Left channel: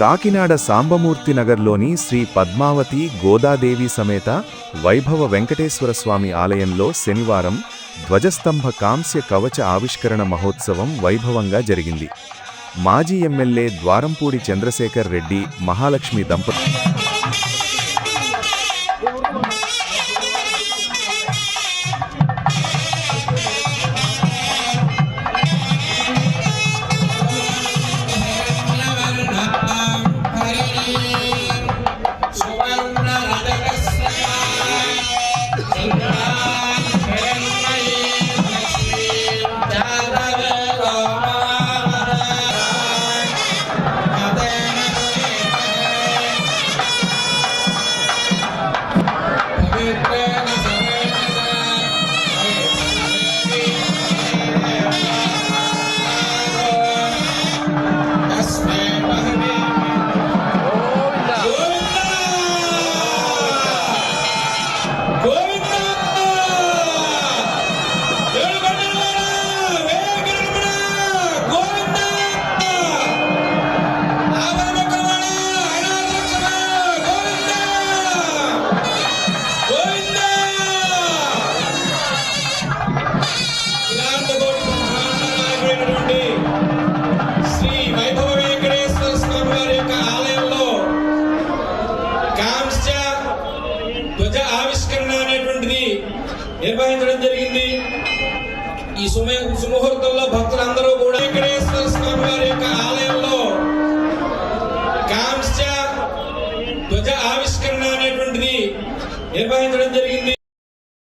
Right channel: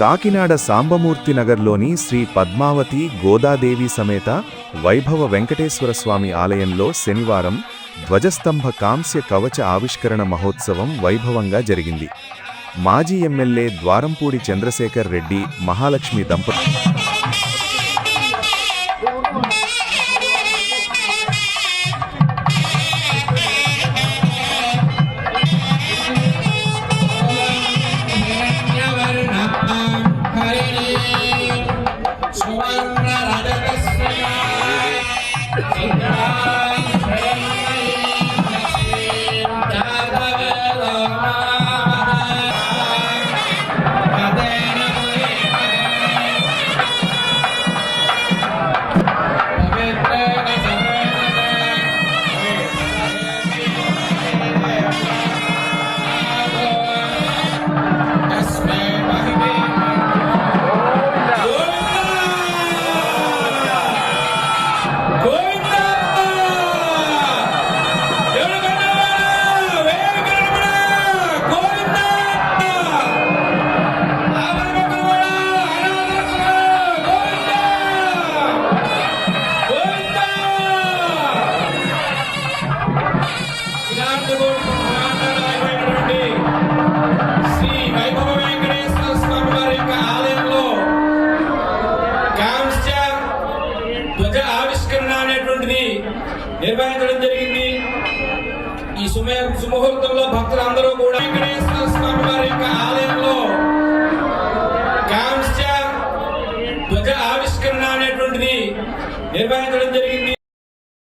కాకినాడ సాంబమూర్తి నగర్లోని శ్రీ పద్మావతి గోదాదేవి సమేత వైభవ వెంకటేశ్వరస్వామి ఆలయంలో శనివారం ధ్వజస్తంభ కాంస్య కవచ ఆవిష్కరణ మహోత్సవం వైభవంగా జరిగింది. మాజీ ఎమ్మెల్యే ద్వారంపూడి చంద్రశేఖర్ రెడ్డి, మహాలక్ష్మి దంపతులు నిర్వహించడం జరిగింది. ఈ సుముహూర్తంలో భక్తులందరూ